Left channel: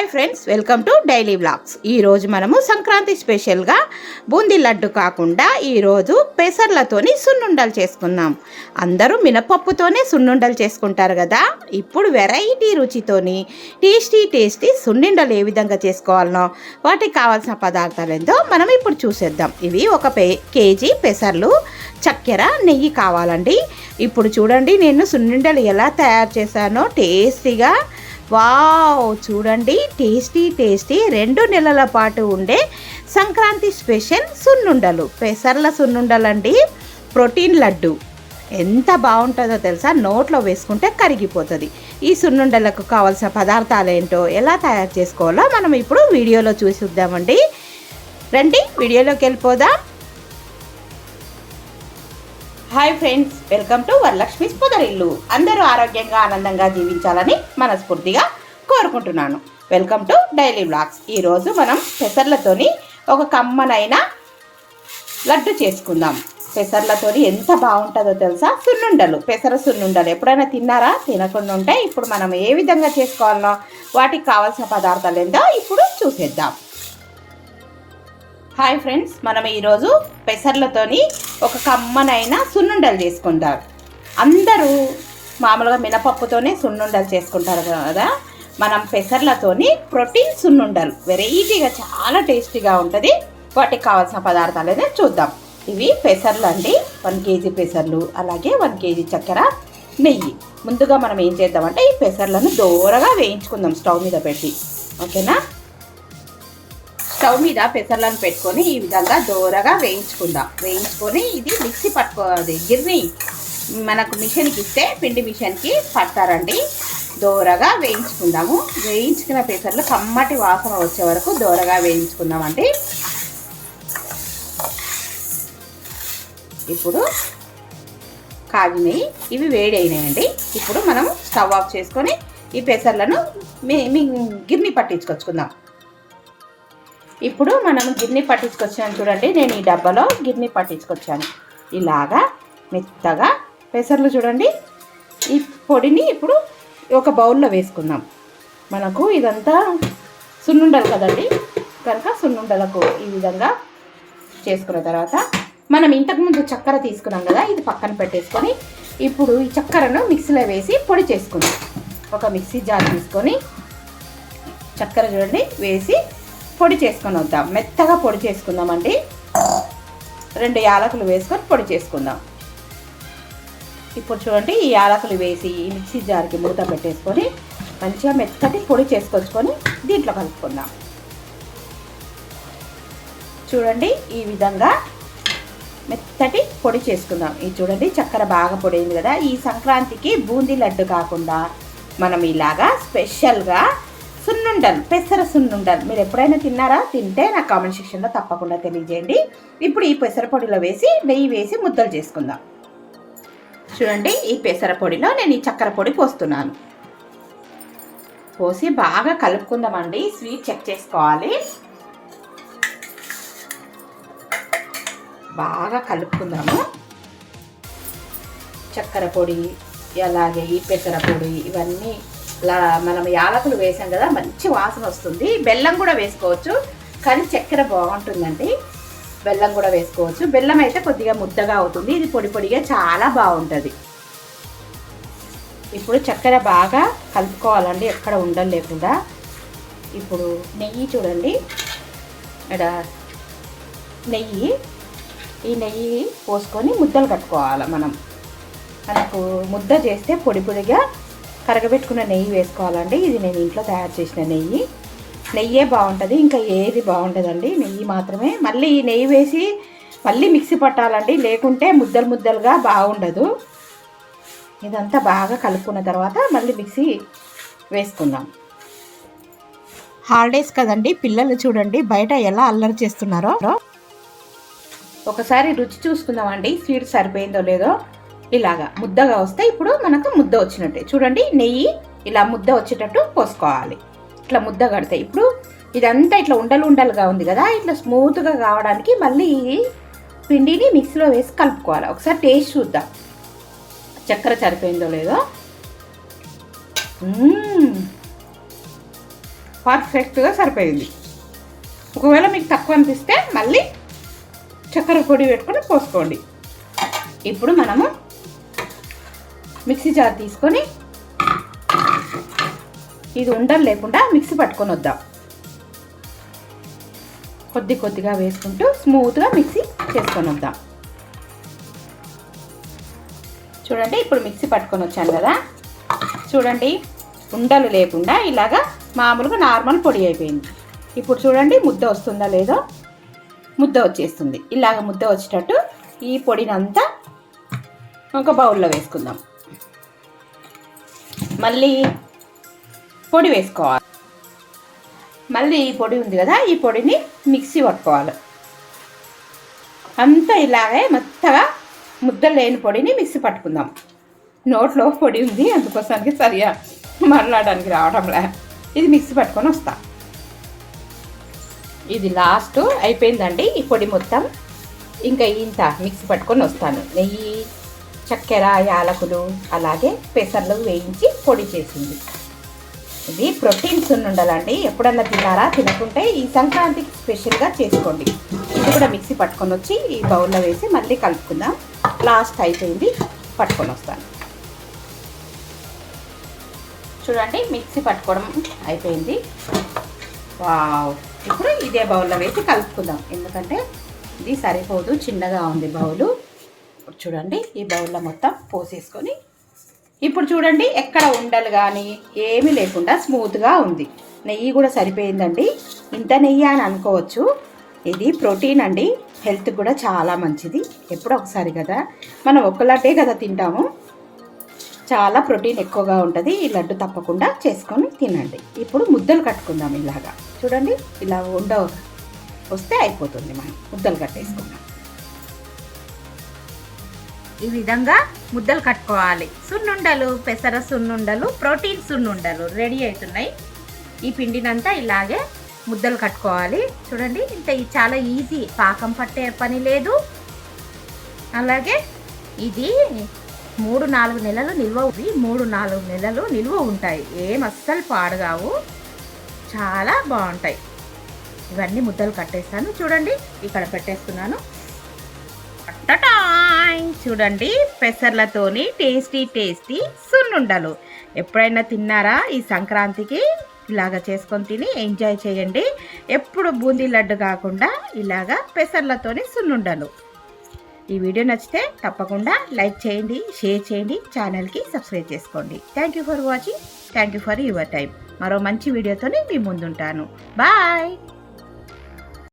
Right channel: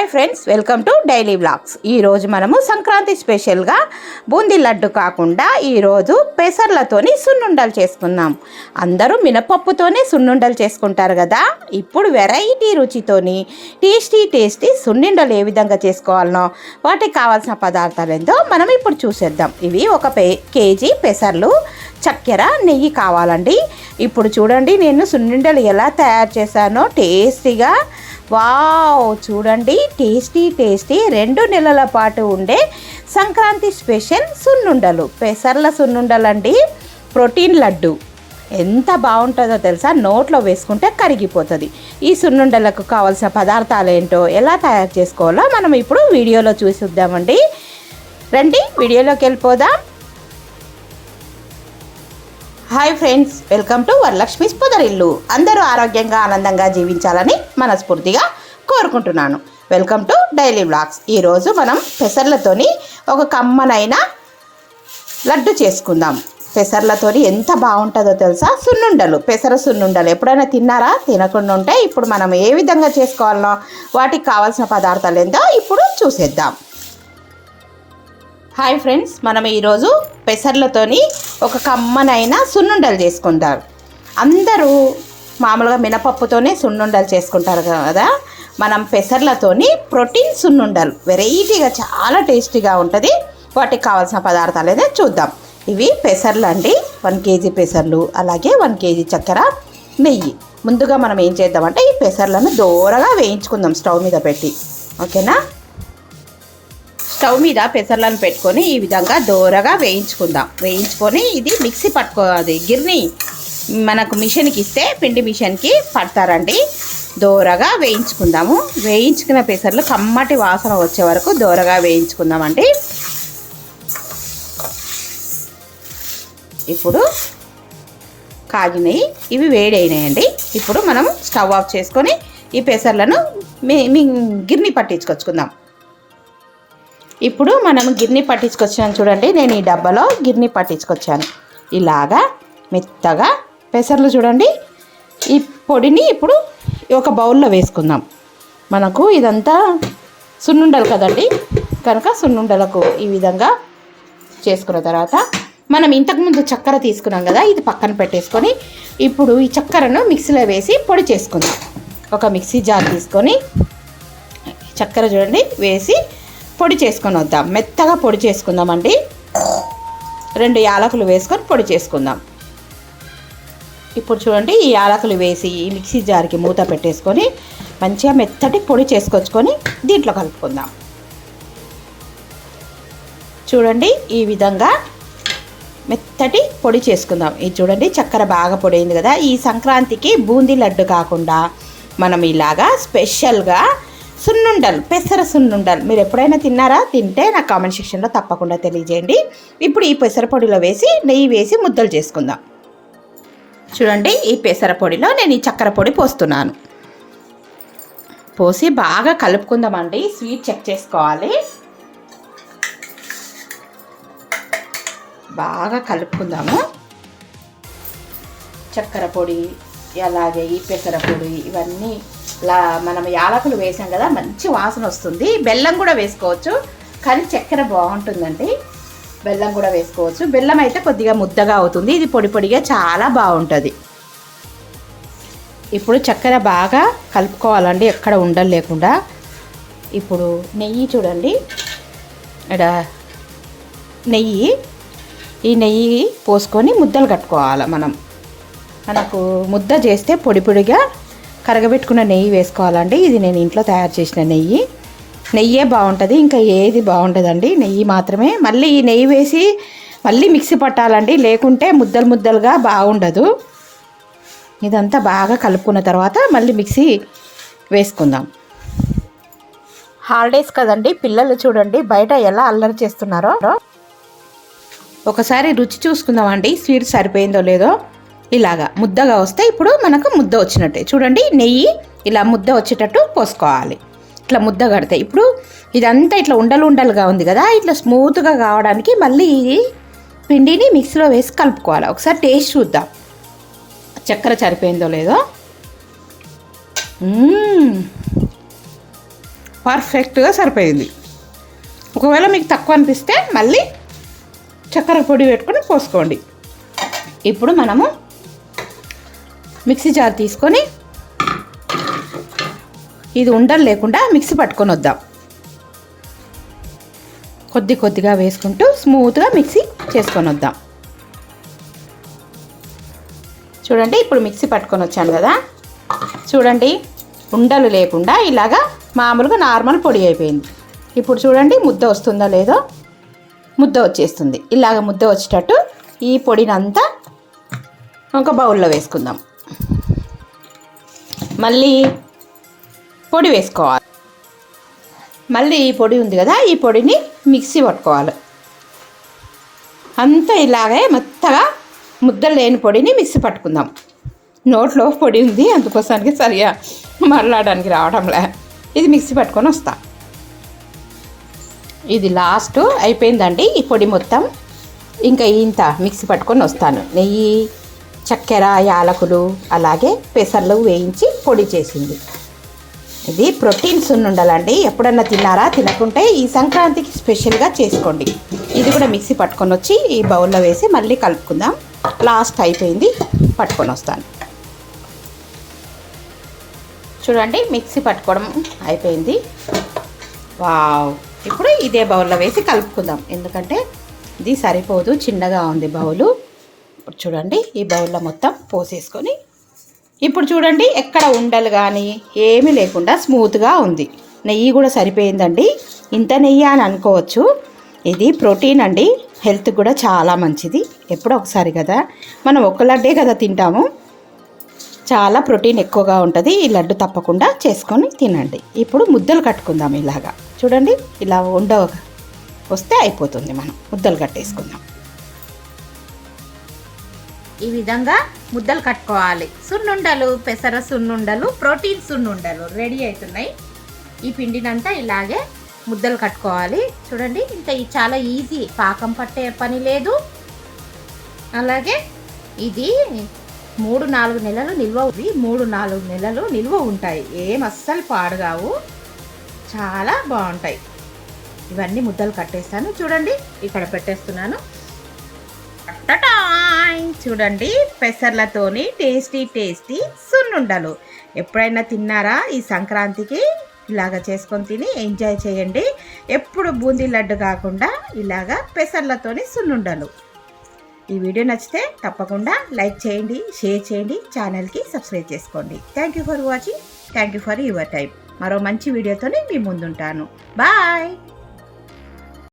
Hi friends welcome to daily vlogs. ఈరోజు మనము సంక్రాంతి స్పెషల్గా బూందీ లడ్డు కాకుండా ఈరోజు పెసర్లతోని సున్నుండలు చేసుకుందాం. అందరూ మినపప్పుతోనే సున్నుండలు చేసుకుంటారు కదా? ఇప్పుడు వెరైటీ రుచితోని టేస్టీ టేస్టీ సున్నుండలు ఏ విధంగా చేసుకోవాలనో వాటికి కావాల్సిన పదార్థాలు ఏందో మనం ఇప్పుడు చూసేద్దాం. ఇవి ఒక పే కేజీ పెసర్లు చక్కెర నెయ్యి కావాలండి. ఇప్పుడు చూడండి నేను సున్నుండలు ఎలా తయారు చేశానో టేస్టీగా వావ్ చూడండి టేస్టీ టేస్టీ రెండు నెలల పాటు ఉండే సంక్రాంతి స్పెషల్ సున్నుండలు పెసర్ల సున్నుండలు అండి ప్రోటీన్ లడ్డు. ఎంత బాగుంటుందో తెలుసా? నోట్లో వేసుకుంటే కరిగిపోతుంది. ఈ సున్నుండలకు కావాల్సిన పదార్థాలు ఏంటో ఎలా తయారు చేసుకోవాలో మనం ఇప్పుడు వీడియోలో చూసిద్దామండి. రండి వీడియోలోకి వెళ్ళిపోదాం. Hi friends welcome to Varalakshmi Podarillu. అందరూ ఆరోగ్యంగా ఆనందంగా జీవించాలని మనస్ఫూర్తిగా కోరుకుంటున్నాను. వెల్కమ్ టు డైలీ బ్లాగ్స్ ఈరోజు మనం పెసర్లతోని ఒక కమ్మనైన లడ్డు చేసుకుందాం. పెసర్లతోని ఎంత బాగుంటుందో తెలుసా? సున్నుండలు. పెసర సున్నుండలు. ఎప్పుడైనా తిన్నారా? తినకుండా ఉంటే ఇప్పుడు మనం ఏ విధంగా చేసుకోవాలనో వాటికి కావాల్సిన పదార్థాలు ఏందో ఇప్పుడు చూసేద్దాం. హాయ్ ఫ్రెండ్స్ మనం ఈరోజు పెసర్లతోని ఒక కమ్మనైన సున్నుండలు చేసుకుంటాం అందరూ మామూలుగా మినపప్పుతోనే సున్నుండలు చేసుకుంటారు కదా. మనం పెసర్లతోని ప్రోటీన్ సున్నుండలు వెరైటీగా చాలా టేస్టీగా ఉంటుంది. వాటికి కావాల్సిన పదార్థాలు అయితే చూద్దాం. ఇవి పెసర్లు అండి. వన్ కేజీ పెసర్లు అలాగే వన్ కేజీ చక్కెర నెయ్యి. ముందుగా మనం ఏం చేద్దామంటే ఈ పెసర్లను దూరగా వేయించుకుందాం స్టవ్ మీద పెట్టి. ఓకేనా? స్టవ్ మీద పెసర్లను పెట్టుకొని ఈ విధంగా దోరగా వేయించుకుందాం. వేయించుకొని ఇది మిక్సీ పట్టుకో అది గిర్ని మనకు మిషన్కి ఇస్తే పిండి మిషన్కి పడతారండి. దోరగా వేయించుకుందాము. వేయించుకున్న పెసర్లు కమ్మటి వాసన వచ్చే వరకు దోరగా వేయించుకుందామండి. ఇప్పుడు కాగినాయి ఇవి వేడైనాయండి. ఇప్పుడు మనం స్టవ్ ఆఫ్ చేసుకొని ఈ పెసర్లను మీ గిర్ని పట్టించుకొచ్చుకుందాం. ఇప్పుడు మనం గిర్ని పట్టించుకొచ్చాను చూడండి నేను ఈ డబ్బాలో గిర్ని పట్టించుకొచ్చాను. ఇలాగా మెత్తగా పెసర్లు చూడండి. ఈ పొడిని ఇప్పుడు ఒక బౌల్లో వేసుకుందాం. మనకు ఇదంతా సున్నుండలు కదండి? కనుక సున్నుండలకు ఈ విధంగా చేసుకున్న తర్వాత మనం ఇంతకుముందు చక్కెర తీసుకున్నాం కదా ఇది పక్కన పెట్టేసుకొని ఇప్పుడు ఈ చక్కెరను మిక్సీలో వేసి పొడి చేసుకుందాం. ఒక మిక్సీ జార్ తీసుకొని చక్కెర చూడండి వేసి పొడి చేసుకొని వద్దాం. మెత్తగా పొడి చేసుకుందామండి. రెండు యాలకులు వేసుకొని పొడి చేసుకుందాం. ఇప్పుడు చూడండి ఈ యాలకులు వేసి ఈ మిక్సీ జార్కి మూత పెట్టేసుకొని మంచిగా మెత్తటి పొడి చేసుకొచ్చుకొని దీంట్లో కలుపుకుందాం. చూడండి ఈ విధంగా మెత్తటి పొడి చేసుకుందాం. ఇది చూడండి చక్కెర బాగా పొడైంది కదా. ఈ సంక్రాంతికి బూందీ లడ్డు కాకుండా మనం ఇలాగా స్పెషల్గా సున్నుండలు పెసర సున్నుండలు. మీరు ఎప్పుడైనా తిన్నారా? తింటే నా కామెంట్ సెక్షన్లో తప్పకుండా తెలియజేయండి. ఇప్పుడు ఈ పెసర పొడిలో వేసి నెయ్యి వేసి ముద్దలు చేసుకుందాం. చూడండి ఈ పెసర పొడిలో నేను ఈ చక్కెర పొడి పోస్తున్నాను. పోసి బాగా కలుపుకుందామండి. స్వీట్ చెక్ చేసుకోవాలి. బాగా కలుపుకుందాము. చక్కెర పొడి అలాగే ఈ పెసర పొడి ఇవన్నీ మనం యాలకులు వేసాం కదా మంచి వాసన వస్తుంది. బెల్లం కూడా వేసుకోవచ్చు. కానీ చక్కెర బాగుంటుందండి. బెల్లం కూడా వేసుకోవచ్చు. బెల్లం అయితే కొద్దిగా ముద్దగా అవుతుంది. ఇది పొడి పొడిగా చాలా బాగుంటుంది. ఇప్పుడు చక్కెర బాగా కలుపుకోవాలండి. ఎక్కడ ఉండలు లేకుండా. ఇప్పుడు నెయ్యి చూడండి. ఇక్కడ నెయ్యి. ఈ నెయ్యి పోసుకొని ముద్దలు కట్టుకోవాలి మనం. మనకు ముద్ద చేస్తే పొడి పొడిగా కరగబెట్టుకున్న నెయ్యి వేసుకోవాలండి. ఇది నేను ఇంట్లో తయారు చేసిన నెయ్యి. నెయ్యే బాగుంటుంది ఇంకా ఏది బాగుంటుందండి నెయ్యి మాత్రమే. మళ్ళీ ఈ నెయ్యి వేసి మళ్ళీ మిక్సీ పట్టాలండి. లేకుంటే ముద్దలు ముద్దలుగా బాగుండదు. ఇదంతా బాగా కలుపుకున్న తర్వాత మళ్ళీ మిక్సీ వేసుకుందాం. హాలిడేస్ కదండి పిల్లలు చూడండి బయట ఎలా అల్లరి చేస్తున్నారో. ఒకసారి రుచి చూసుకుందామండి. స్వీట్ సరిపోయిందో లేదో. ఇలాగా ముద్దగా వస్తే ఇప్పుడు మనకు ముద్ద వచ్చినట్టే. చూడండి నెయ్యి ఇలా ముద్ద వచ్చేటట్టు పోసుకోవాలి. ఇట్లా ముద్ద కడితే ఇప్పుడు ఇదంతా ఇట్లా ఉండలు ఉండలుగా ఉంది కదా ఇట్లా స్మూత్గా కావడానికి మళ్ళీ పిండిని మిక్సీలో వేసి కలుపుకోవాలి. ఒకసారి టేస్ట్ చూద్దాం. చక్కెర సరిపోయిందో లేదో? పర్ఫెక్ట్గా సరిపోయింది. ఒకవేళ మీకు తక్కువ అనిపిస్తే మళ్ళీ చక్కెర పొడి పెట్టుకొని పోసుకోండి. ఇప్పుడు మనము మిక్సీ జార్ తీసుకొని ఇది ఉండలు లేకుండా మిక్సీ పట్టుకొని వద్దాం. కొద్ది కొద్దిగా వేసుకుంటూ స్మూత్గా మిక్సీ చేసుకొని వద్దాం. చూడండి ఇప్పుడు మిక్సీ పట్టుకొని వచ్చాను కదా. చూడండి ఉండలు లేకుండా ఇలాగా మామూలుగా నార్మల్ పొడి అయిపోయింది. ఇప్పుడు చూడండి ముద్ద వస్తుందా లేదో? ముద్ద వచ్చేస్తుంది. ఇలాగ ముద్ద వచ్చేటట్టు ఈ పొడినంతా ఒక బౌల్లో వేసుకుందాం. మళ్ళీ పొడి వేసుకోవాలి. మళ్ళీ ఈ పొడి ఉంది కదా ఈ పొడిని మిక్సీ పట్టుకోవాలి. అంతా ఇలాగే మెత్తగా ముద్దలు లేని పొడిని మిక్సీ పట్టుకుందాం. నోట్లో పొడి ఉంది అందుకోసానికి సరిగా మరలాడడానికి రావడంలే. ఇది మిక్సీ పట్టుకొని వస్తా. ఇది లాస్ట్ అయిపోయిందండి ఈ పొడి మొత్తం. ఇంకా ఇంత మిక్సీ పట్టుకొని వస్తాను. నెయ్యి చక్కెర యాలకులు అలాగే పెసర్లు వేయించి పొడి చేసింది. ఇది ప్రోటీన్స్ ఉండాలండి. ఎప్పుడన్నా తిన్నారా? తినకుంటే ఈ సంక్రాంతికి స్పెషల్గా చేసుకోండి. ఇది కూడా మిక్సీ పట్టుకొని వచ్చి ఈ బౌల్లో వేసి మళ్ళీ కలుపుకుందాం. లాస్ట్ అయిపోయింది. పట్టుకొని వస్తాను. చూడండి మిక్సీ పట్టుకోవడం అయిపోయింది. వావ్! ఇప్పుడు ఇదే బౌల్లో వేసి కలుపుకుందాం. ఎందుకంటే ఇది సరిపోదు చిన్నగా ఉంది బౌలు. ఇప్పుడు చూడండి ఈ బౌల్లో మొత్తం పోసేసుకొని ఇప్పుడు చూడండి ఎక్కడ ఉండలు కానీ ఏమీ లేకుండా స్మూత్గా ఉంది. నెయ్యి కూడా సరిపోయిందండి. ఇంత నెయ్యి అని అనుకోవచ్చు. ఇది ప్రోటీన్ అండి. హెల్త్ కూడా చాలా మంచిది. ఎప్పుడో ఒకసారి కదా. మనం ఒక లడ్డే కదా తింటాము. చాలా ప్రోటీన్ ఎక్కువగా ఉంటుంది. ఈ లడ్డు తప్పకుండా చేసుకొని తినండి. ఇప్పుడు ముద్దలు కట్టుకుందాం ఇలాగా. చూడండి ఇలా ఉండ వస్తే అయిపోతుంది మనం. ముద్దలు కట్టేసుకుందాం. ఈ విధంగా ముద్దలు కట్టుకోవాలి. సున్నుండలు పెసర సున్నుండలు ప్రోటీన్ సున్నుండలు రెడీ అవుతున్నాయి. ఈ పిండినంతా ఇలాగే ముద్దలు కట్టుకోవాలి. చూడండి ఇంత చాలా ఈజీ. పాకం పట్టే పని లేదు. అలాగే ఇది మూడు నాలుగు నెలలు నిల్వ ఉంది. మూడు నాలుగు నెలలు నిల్వ ఉంటాయి. ఏం అస్సలు పాడుగావు. చాలా బాగుంటాయి. ఇవన్నీ ముద్దలు కట్టేస్తాను. చూడండి ఇక్కడ పెట్టేస్తున్నాను. టటాయ్! చూడండి. పెసర్లతోని టేస్టీ టేస్టీ సున్నుండలు. ఎప్పుడైనా తిన్నారా ఈ సంక్రాంతికి? ఇలాగ చేసుకొని తిని ఎంజాయ్ చేయండి. ఎప్పుడు బూందీ లడ్డు కాకుండా ఇలాగా పెసర్లతోని సున్నుండలు. ఈ వీడియో నచ్చితే తప్పకుండా లైక్ చేయండి షేర్ చేయండి ఛానల్కి సబ్స్క్రైబ్ చేసుకోండి. Thank you for watching thank you for your time మరో మంచి వీడియోతోనే మీ ముందుంటాను. బాయ్